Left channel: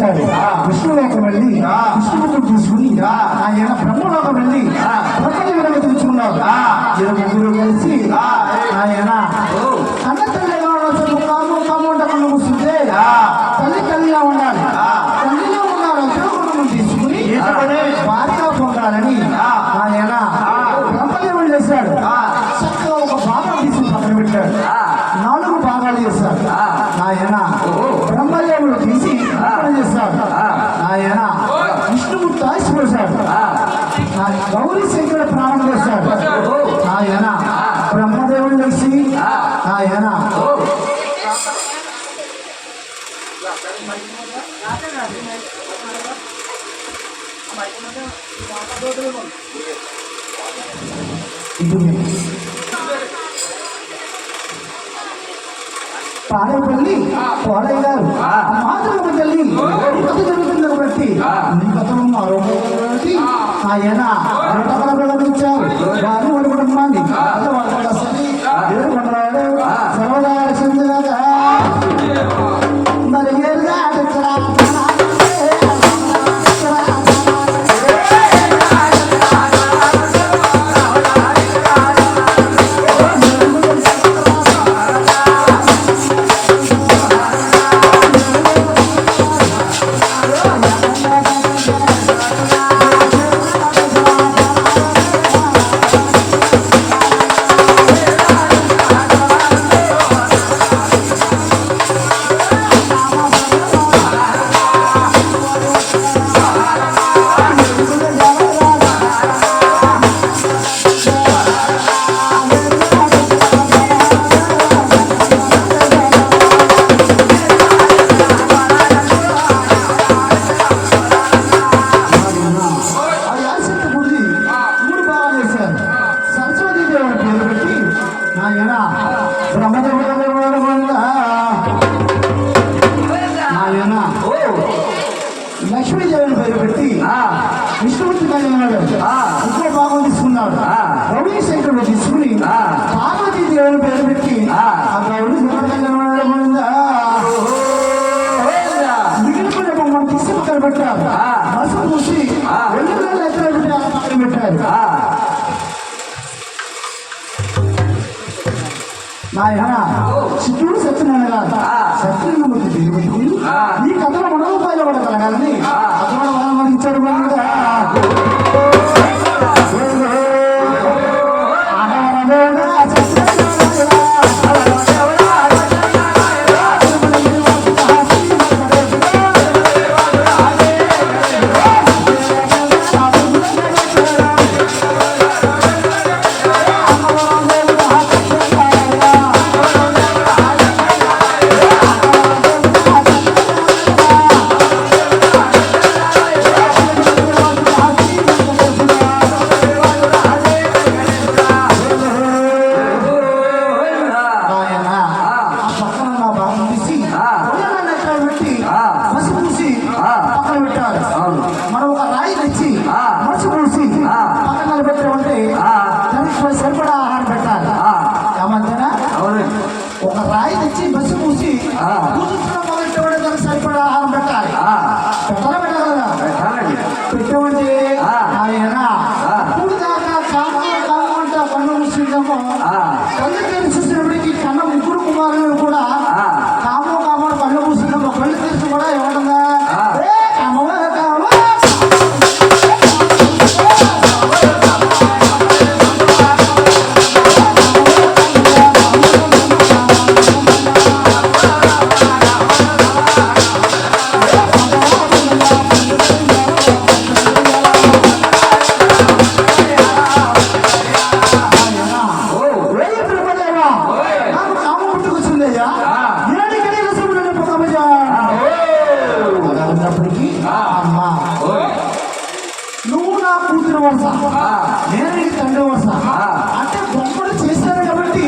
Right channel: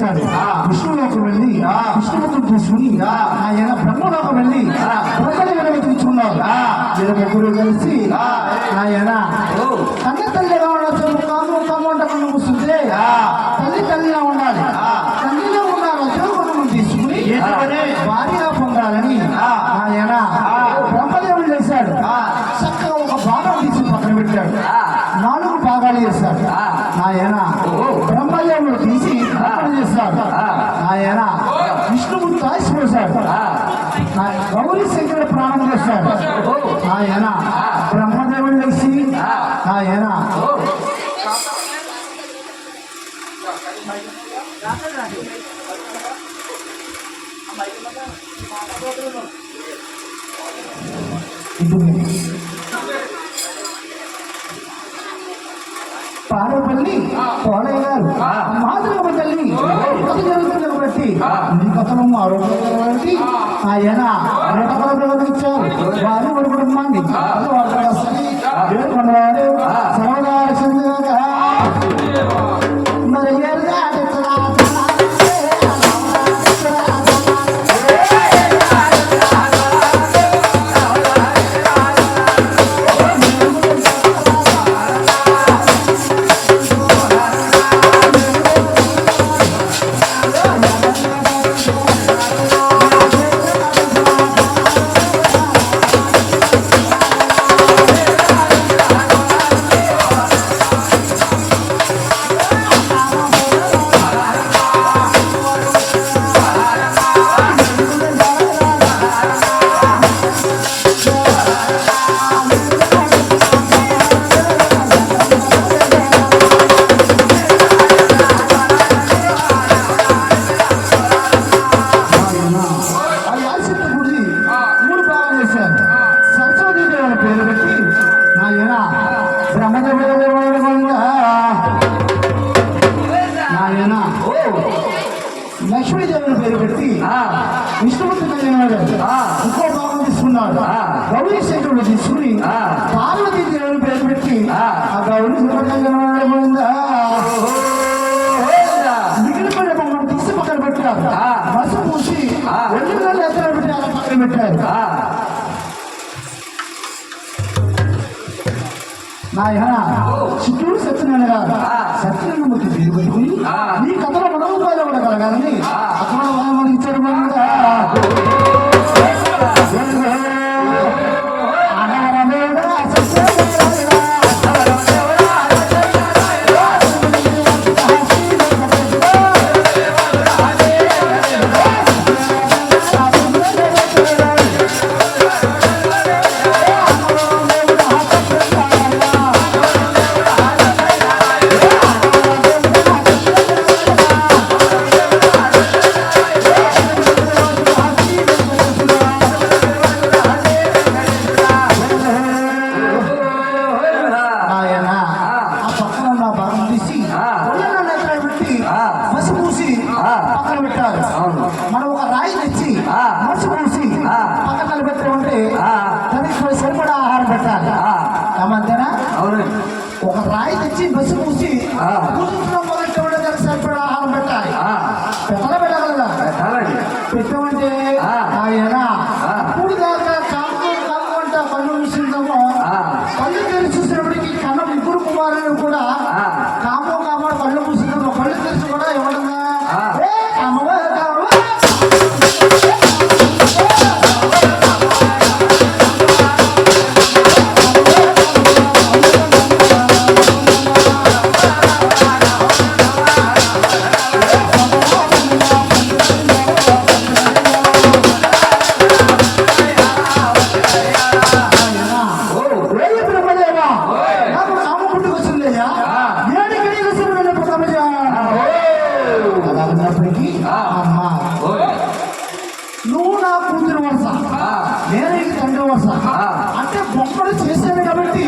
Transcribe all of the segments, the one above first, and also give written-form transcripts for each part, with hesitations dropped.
చేశాడు. విష్ణులోకం వెళ్ళి విష్ణుమూర్తిని తీసుకుని ఆయన బ్రహ్మలోకం వెళ్ళి బ్రహ్మదేవుని తీసుకున్నారు. ముగ్గురు కలిసి ఆయన కన్న తల్లిగా ఉండకుండా కూర్చుంటే తల్లి తల్లిగా ఉండాలి, తల్లిగా ఉండాలి శివకుటుంబం తీసుకుని భారీగా పొందాలని ఆయన బ్రహ్మదేవుడు చేశాడు. చక్కగా ఒక భాగం తీసి పక్కన పెట్టాడు, 4 భాగాలు చేశాడు. ఆయన బ్రహ్మదేవుడు తీసి పక్కన చేశాడు. ఆయన విష్ణుమూర్తి ఆశిపోశాడు. గౌరీ శంకరుడు ప్రాణం చేశాడు. ఆయన బ్రహ్మదేవుడు కలిసి ఆయన పాడేపల్లి కోడయ్య గారు మాతృమ తల్లి కథ జరుగుతున్న బట్టి నీ కథను ఆరోగ్యానికి ఆయన ప్రకటించారు. వారిని వారి కుటుంబాన్ని సర్వదా చంద్రగా మరి లక్ష్మీదేవిని పేరు పెట్టి విష్ణుమూర్తి ఇంకో భాగం తీసుకున్నాడు. గౌరీ శంకరుడు తీసుకుని పార్వతీదేవిని పేరు పెట్టి ఆ గౌరీ మిగిలిపోయిన బొమ్మను తీసి పక్కన పెట్టారు. బస్సు పూసి 2 నెలలు ఎత్తున పెట్టి అలా పక్కన పెట్టారు. నాయన చిత్తూరు సత్యనారాయణ గారు సత్యనారాయణమూర్తి పేరు పెట్టుకుని ఈ కథలో మనోపాయాలు కూడా కలగాలని అక్కడ మనకి ఇచ్చాడు. మనం ఒక రాయి తెచ్చి మనసు పూసి పక్కన నిలబెట్టామంటే దానికి సరిపడా ఆహారం పెట్టాలి. ఏమంతేనా? ఒక రాయి తెచ్చి బస్సు పూసి మొదలెట్టమంటే దానికి సరిపడా ఆహారం పెట్టాలి. పెట్టగలరా? పెట్టమంటే ఆయన ఇప్పుడు దాకా కామంట కన్ను చూసిందేమో కళ్ళు తెలిసి చూసినప్పటికీ కన్న 3 కుమారులు కూడా కామో కామో కళ్ళు పూసిందేమో కళ్ళు తెలిసి కూడా ఎవరన్నా నువ్వు నా కూతురు వరుస, నేను నీకు తండ్రి వరుస. అంటే బొమ్మలు చేశాను కాబట్టి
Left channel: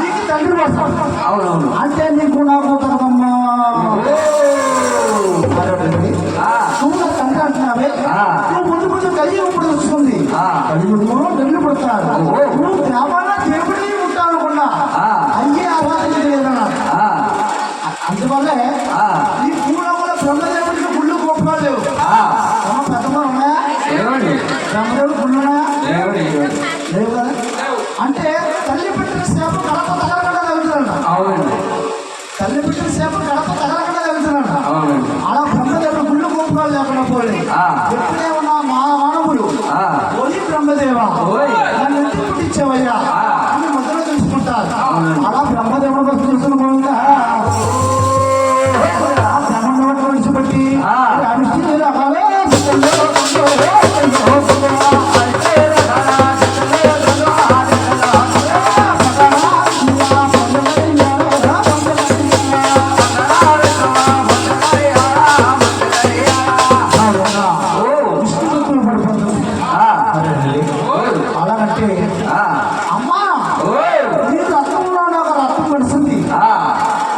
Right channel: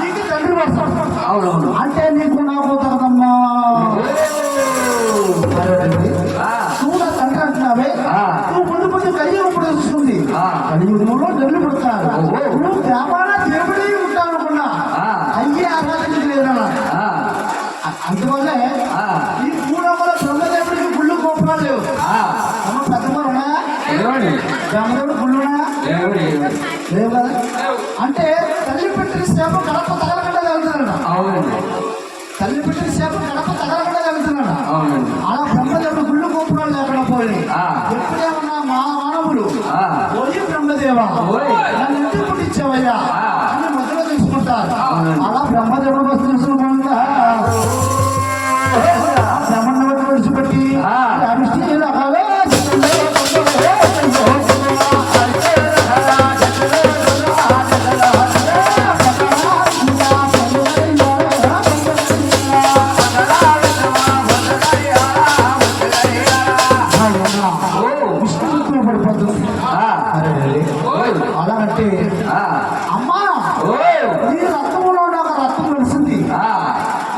నీకు తండ్రి వరుస. అంటే నీకు నాకు తగదమ్మా. నువ్వు నా తండ్రి అంటున్నావే, నువ్వు ముందు కొంచెం కలియుగం ఇప్పుడు వస్తుంది. కలియుగంలో నెల్లు పుడతారు. నువ్వు దేవాలయ దేవుడి ఉంటావు అనుకున్నా అయ్యే ఆరాధన లేదన్నా. అందువల్లే ఈ పూర్వంలో బ్రహ్మదేవుడికి లేవు కదా. అంటే తల్లి పెట్టిన సేపు గడప తగలకుండా తగ్గుతున్నాడు. అవునండి. తల్లి పెట్టిన సేపు గడప తగలకుండా తగ్గుతున్నాడు. అవునండి. అలా బ్రహ్మదేవుడు గుళ్ళు గోపురాలు లేకుండా పోయి ఎప్పుడేమన్నా మా మానవుడు ఓయి బ్రహ్మదేవా నన్ను ఎందుకు పుట్టించావయ్యా అని మధ్యలో తెలుసుకుంటారు. అలా బ్రహ్మదేవుడు బస్సు తెలుసుకుని పోయిందా బ్రహ్మదేవుడు విడిచిపెట్టి అలాగంటే అమ్మా నీ రక్తంలో నాకు రక్తం కలిసింది,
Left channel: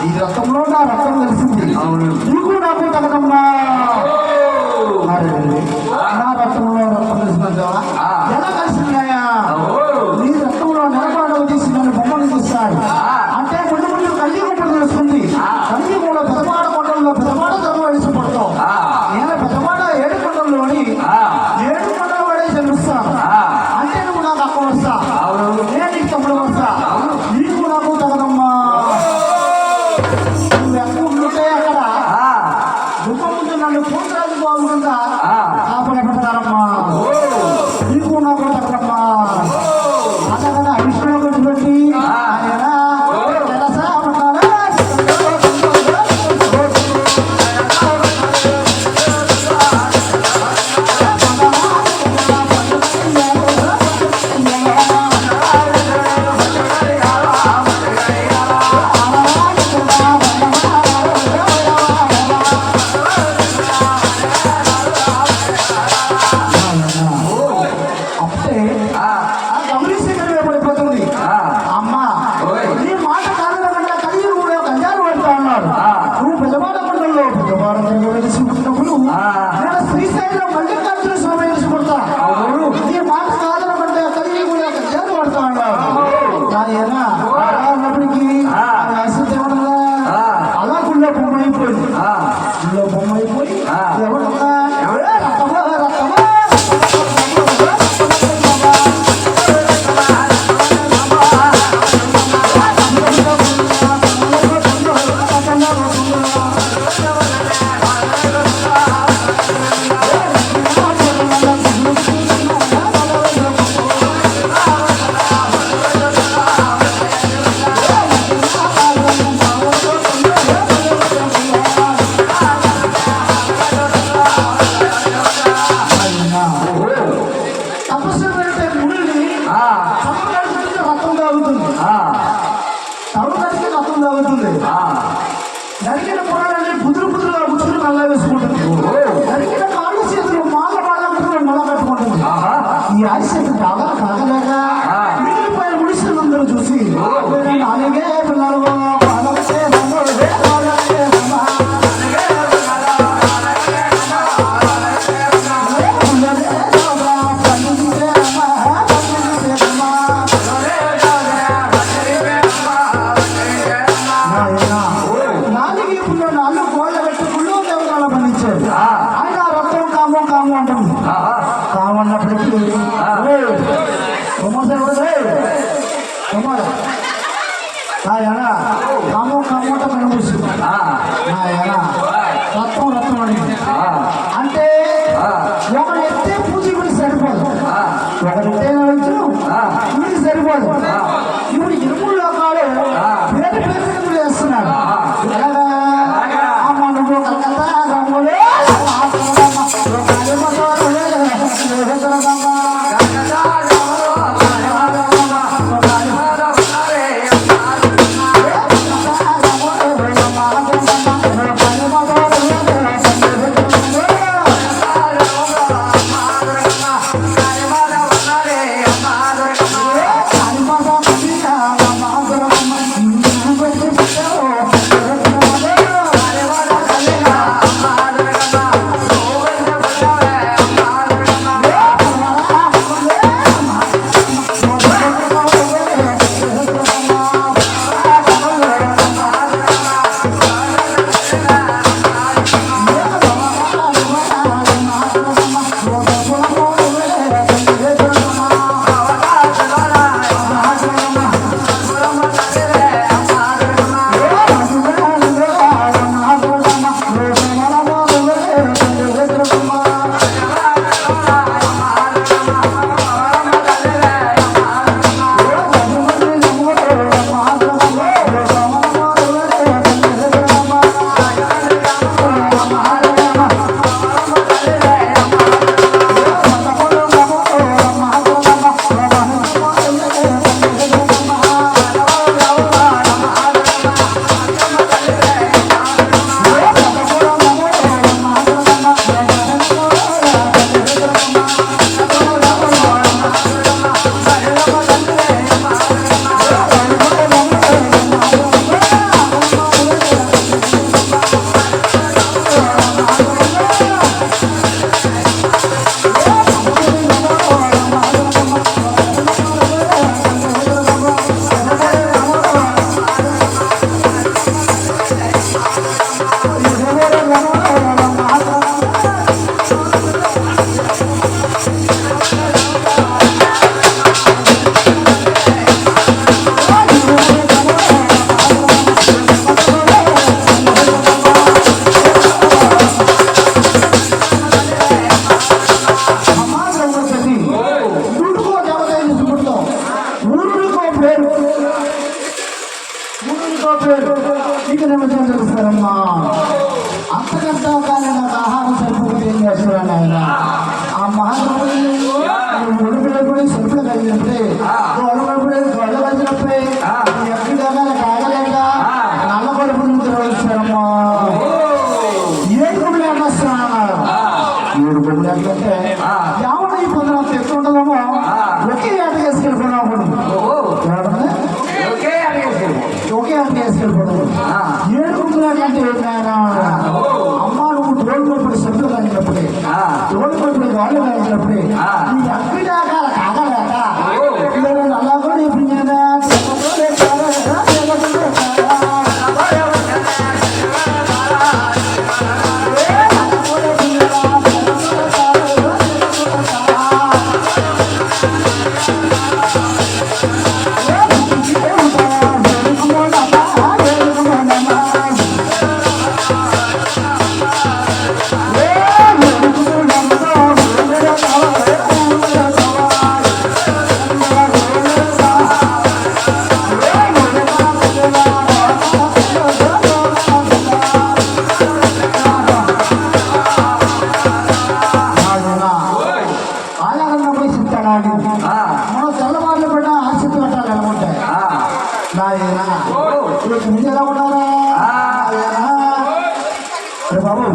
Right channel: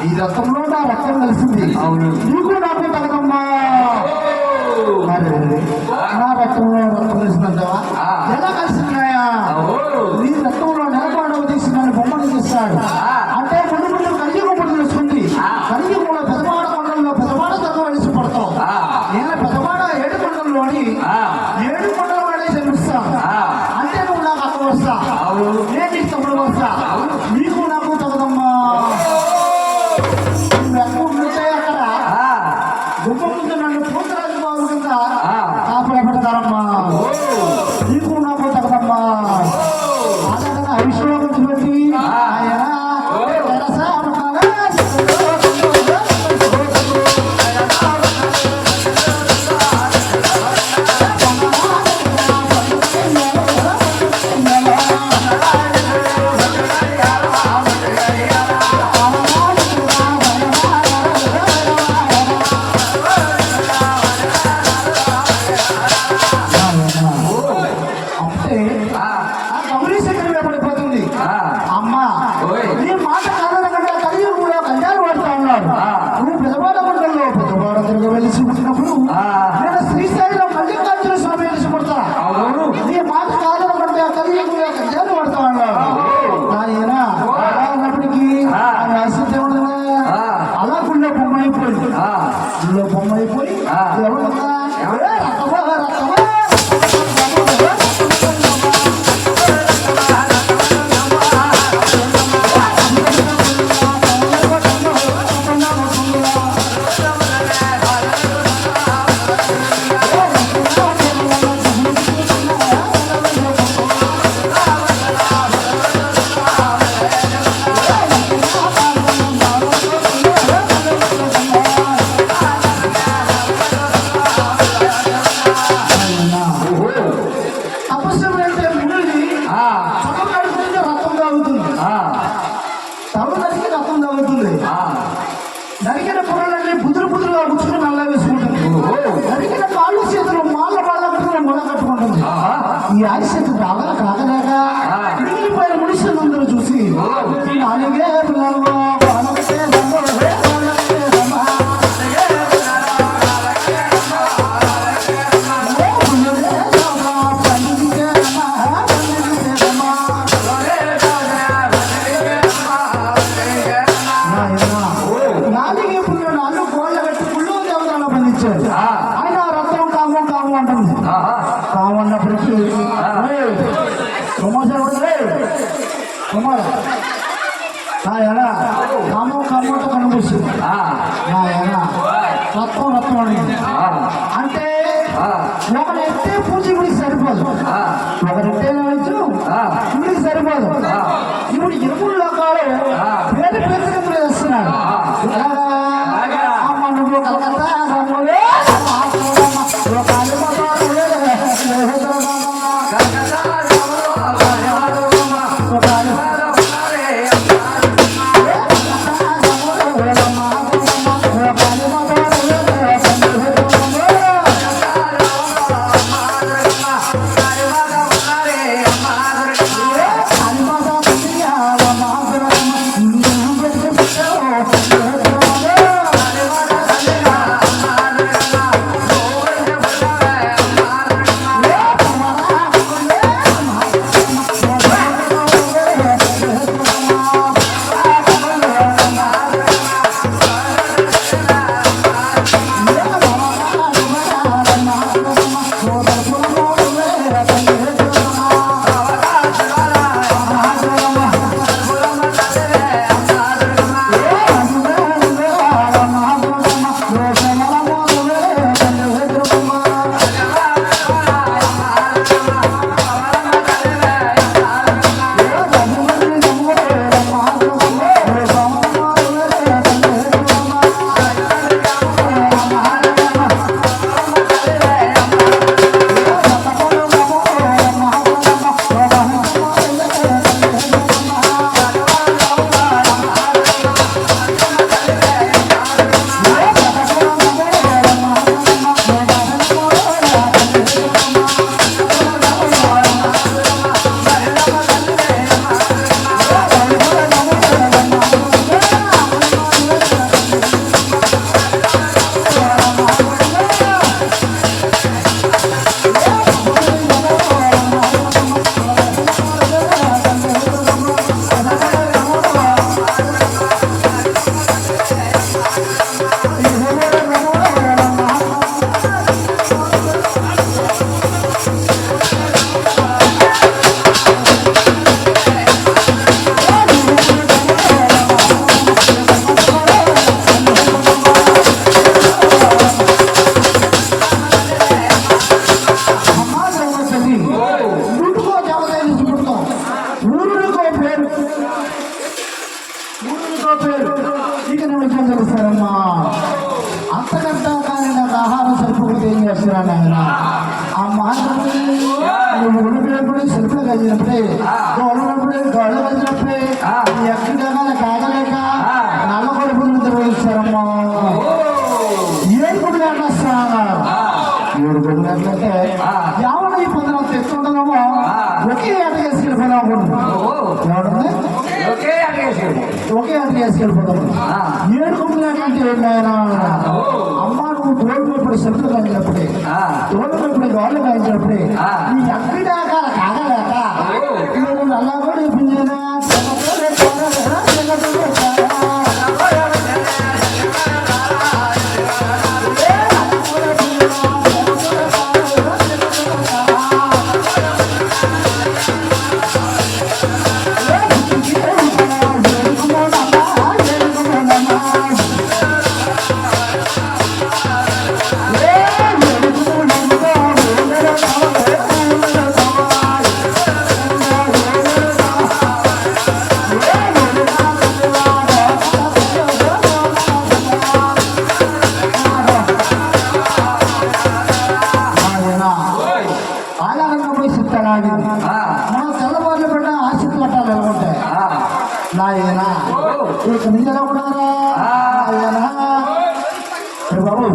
ఈ రక్తంలో నా రక్తం కలిసింది, నీకు నాకు తగదమ్మా. నా రక్తంలో రక్తం కలిసిందంటావా? ఎలా కలిసిందాయా? నీ రక్తంలో నిలబడవు తీసి నన్ను బొమ్మలు తీస్తాడు. అంటే ముందు ముందు కలియుగం తెలుస్తుంది. కలియుగంలో పెదమాడ కొండల్లో పెదమాడ ధర్మం వేసి పడతావు. నేను పెదమాడ ఏడు కొండల్లోని ఏడు కొండల వాడే జన్మిస్తాను. అంటే నువ్వు నాకు అక్క వస్తా, నేను నీకు తమ్ముడు వస్తా, నీకు నాకు తగదమ్మా. నువ్వు ఎక్కడ ఉంటే అక్కడ గుమ్మ ముందు నన్ను పూతరాజు బాగుంటుందా కాపాడబడతారమ్మా. నీకు నాకు తగదమ్మా. అలాగదా విష్ణువు గురించి బట్టి ఆయన శ్రీశైలం మల్లికార్జున స్వామి తీసుకుంటా. నీ మాట కాదనమంటే కలియుగంలో కళ్యాణం పడతా ఉన్నారు. ఆయన అలా ఉన్నప్పటికీ ఆసక్తి ఏమన్నా అలా గుళ్ళో బొమ్మ అయిపోయింది. గుళ్ళో బొమ్మ అయిపోయి ఎవరన్నా రకమా రకమా నరికిన పొరలన్నీ బుదురు బుదురుగా కూర్చుని నల్ల వేసుకుంటుంది. నరికిన కాళ్ళు చేతులు మాళ్ళ పళ్ళ మొల కట్టుకుంటుంది. ఈ ఆశకు కాగలేక పైన ముడిసినందరూ చూసి నాలుగే పిల్లలు ఆయన రక్తం కాము కాము అంటుంది. కామన్నప్పటికీ ఆయన కాము కామంట కనిపిస్తుంది. ఆయన రక్తం రక్తం అడిగింది. అంటే ఒకరు ఎత్తే పూజ ఇప్పుడు సరిపోదు, ఒకరు ఎత్తేవచ్చు ఇప్పుడు సరిపోదు. ఇప్పుడు ఇరుముడు లోకాలు పేరు పేరు కింద వేస్తున్నారు. అమ్మ నువ్వు కలకత్తా రమ్ములే వచ్చారమ్మా. 7 గుళ్ళు ఎట్లా వస్తున్నారు? 7 గుళ్ళు ఎట్లంటే ఎవరు ఈ పొందడం తెచ్చు ఉండదేమో ఒకే ఆట వేసుకెళ్ళిపోదాం అనుకుంటున్నాం. ఒకే ఆట వేసుకెళ్ళిపోదాం. 7 గుళ్ళు ఎట్లంటే అమ్మ నువ్వు తోడు కొట్టుడు సభ్యులు కలిగినప్పుడే తోడు కొట్టుడు వాళ్ళు కలిగినప్పుడే నీ అక్కడి ఆకాల కాగలేక అలా కూడా ఇప్పుడు మనం తెల్లవారులు పడిన ఆశిత్తు కట్టాలి ఎలా ఉంటాయి నాయనా ఇక మీరు ఎలా ఉన్నారా బాబు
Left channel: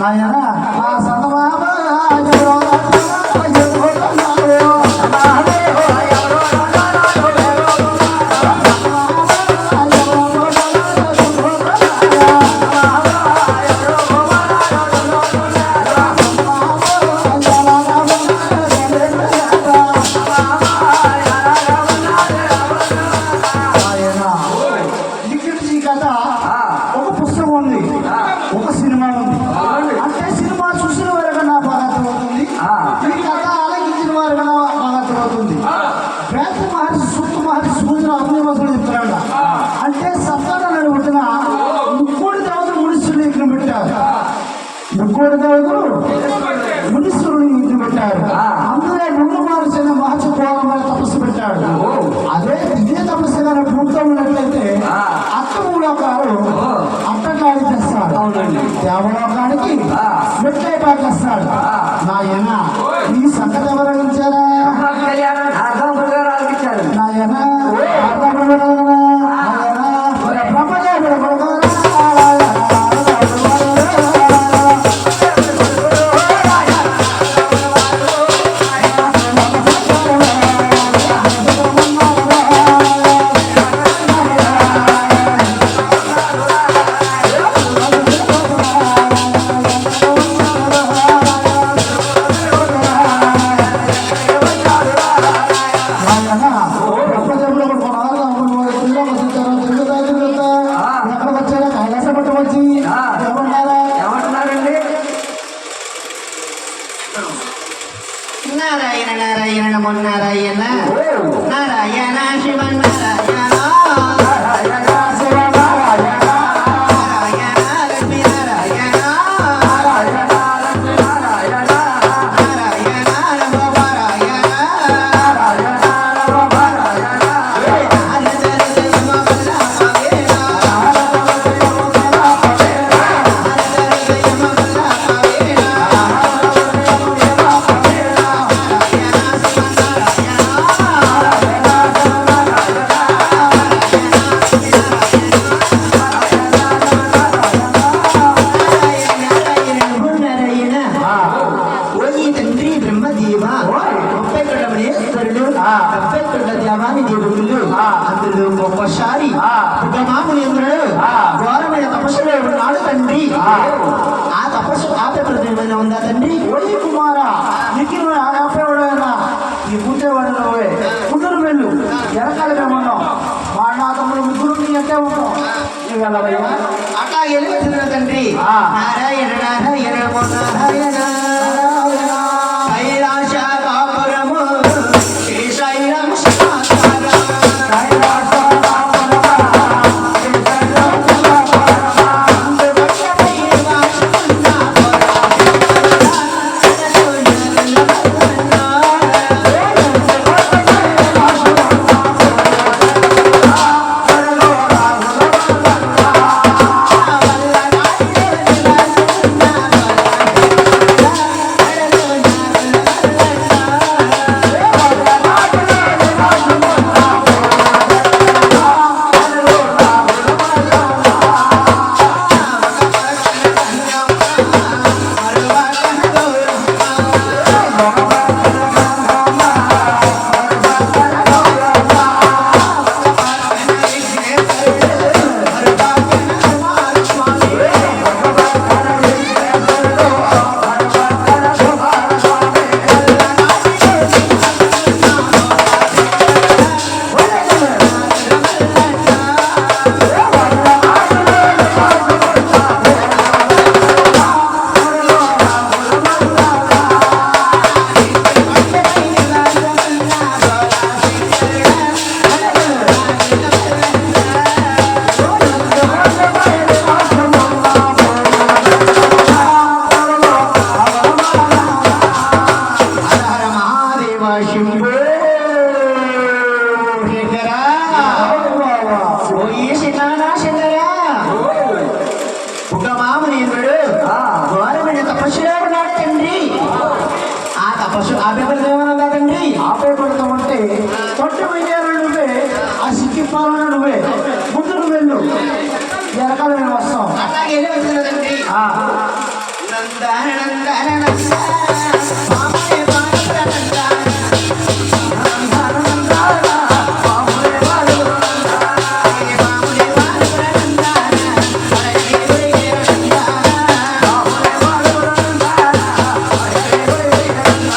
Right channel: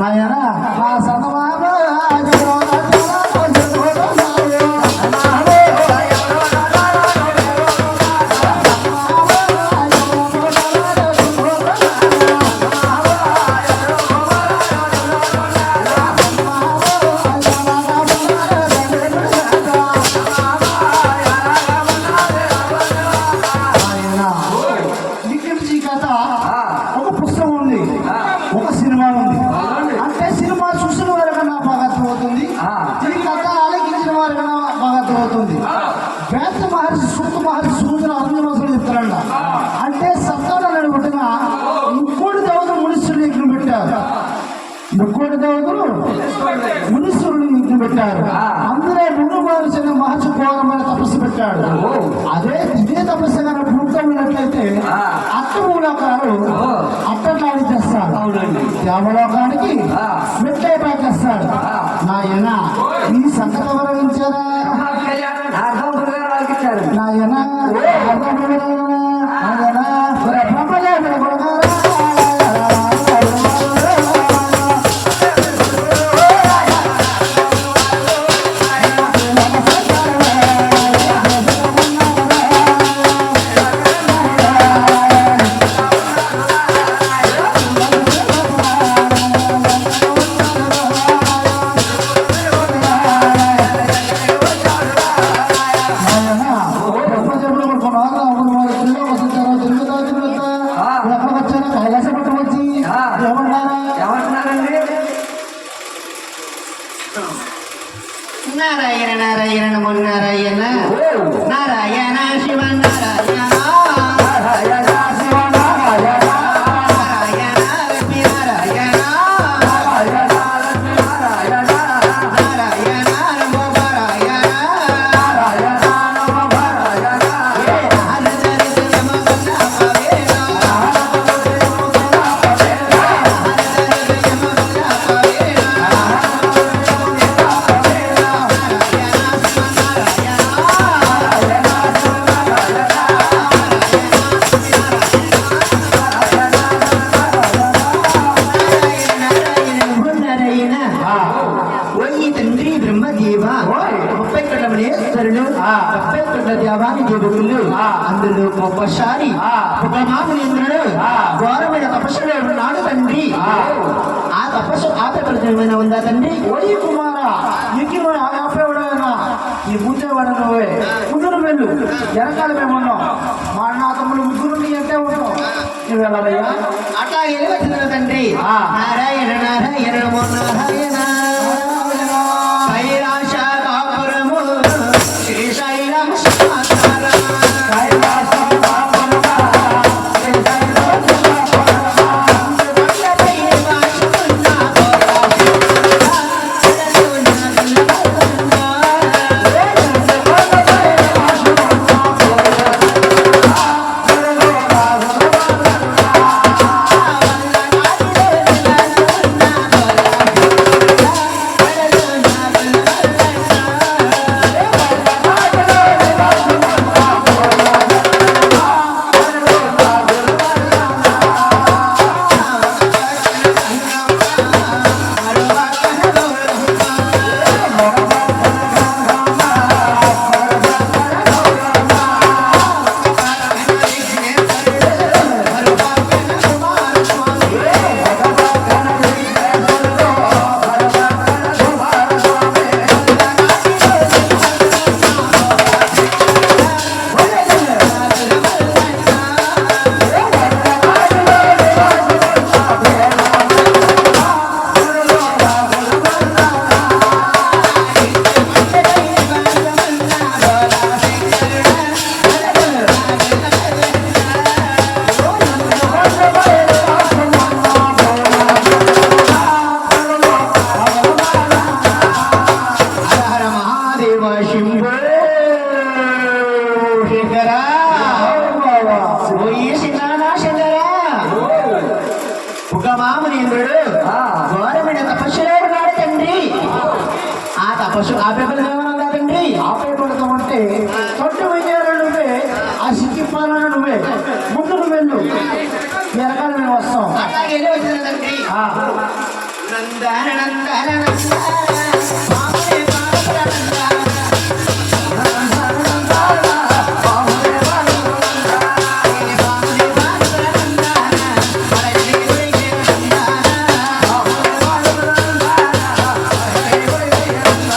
నాయనా నా సంత బాబా ఒక సినిమా ఉంది అంటే సినిమా చూసిన వారిగా నా బాగా అర్థమవుతుంది. ఈ కథ ఆలకించిన వారిగా బాగా అర్థమవుతుంది. వేద మహర్షి సూత మహర్షి సూచన అగ్నిమసుడు చెప్తారంట. అంటే సంతానాన్ని పుట్టిన ముక్కోడి దేవతలు మునీశ్వరుని యజ్ఞం పెట్టారు. ముక్కోడి దేవతలు మునీశ్వరుని యజ్ఞం పెట్టారు. అందులో ముందు మహర్షి మహర్షి పోవాలని తపస్సు పెట్టాడు. ఇదే తపస్సు కానీ పూర్తయినట్లయితే అట్టమూలకాలు అట్టకాడి చేస్తాడు. దేవలోకానికి మెట్లై పాకేస్తాడు. నాయన ఈ సంగతి ఎవరు అందించారా? నాయన బ్రహ్మదేవుడు నారాయణ నారాయణ నమో నారాయణ నారాయణ శివ నారాయణ అందులో గొప్పసారి ఉపమాములేంద్రుడు ఘోరమైన తపస్సులో ఉన్నాడు తండ్రి. ఆ తపస్సు ఆపేమైనా ఉందా తండ్రి? ఓయి కుమార నీకు ఆపేవాడైనా నీ పుట్టేవాడు నువ్వే ముందుకు వెళ్ళు. వెనకాల మేమున్నాం. మా అన్న తమ్ముడు ముగ్గురు నీ అంటే ఉంటాం. నువ్వు వెళ్ళవయ్యా అట్లా వెళ్ళవచ్చిన తండ్రి. నారాయణ నారాయణ నమో నారాయణ కైలాస కాపురము శ్రీశైలం పశు ఆపేపల్లి ఏమన్నా తండ్రి ఆపే పెడతా ఉంటే చొట్టు వెయ్యారు నువ్వే, ఆ సిక్కిప్పాలన నువ్వే, ముందు నువ్వు వెళ్ళు, ఎరకాల మేము వస్తాం. అట్లాగే వచ్చింది తండ్రి ఆ, నందన నందన నందన మామూలే బాలపుర నందన మామూలే బాలపుర నందన పడగలే ఒరిగే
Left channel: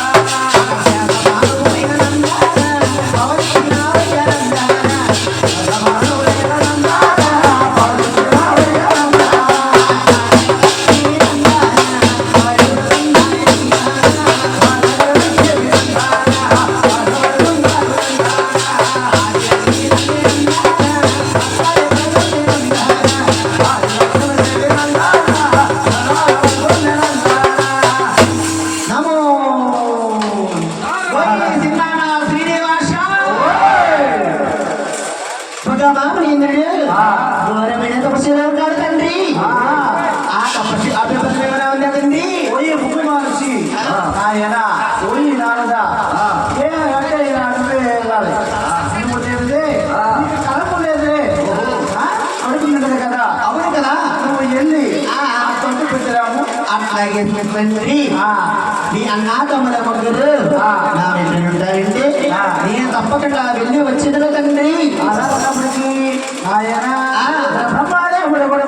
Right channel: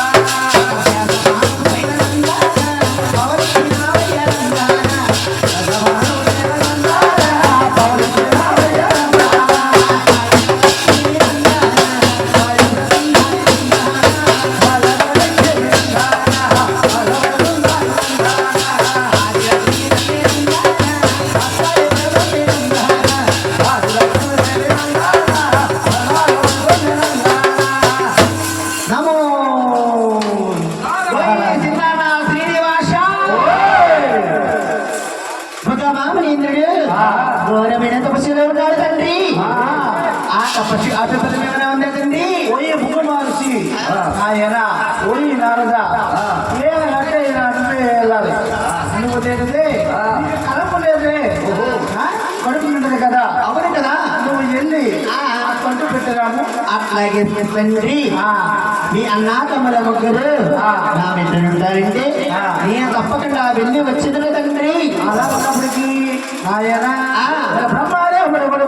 నమో సింగాన శ్రీనివాస భగవామేంద్రుడు ఘోరమైన తపస్సులో ఉన్నాడు తండ్రి ఆ తపస్సు ఆపేపల్లి ఏమైనా ఉందా తండ్రి పోయి ముగ్గు మార్చి ఆయన పోయి నారదా ఏ అంటే నువ్వే వెళ్ళాలి, నువ్వు తెలియదే నీకు కడుపు లేదే, కడుపు ఉండదు కదా, అవును కదా నువ్వు వెళ్ళి ఆ తొట్టు పెట్టరాము. అట్లాగే తండ్రి మీ అన్నా తమ్ముల ముగ్గురు నా వెంట ఉంటారంటే నేను తప్పకుండా వెళ్ళి వచ్చిన తండ్రి అలా ఉన్నప్పటికీ ఆయన బ్రహ్మదేవుడు కూడా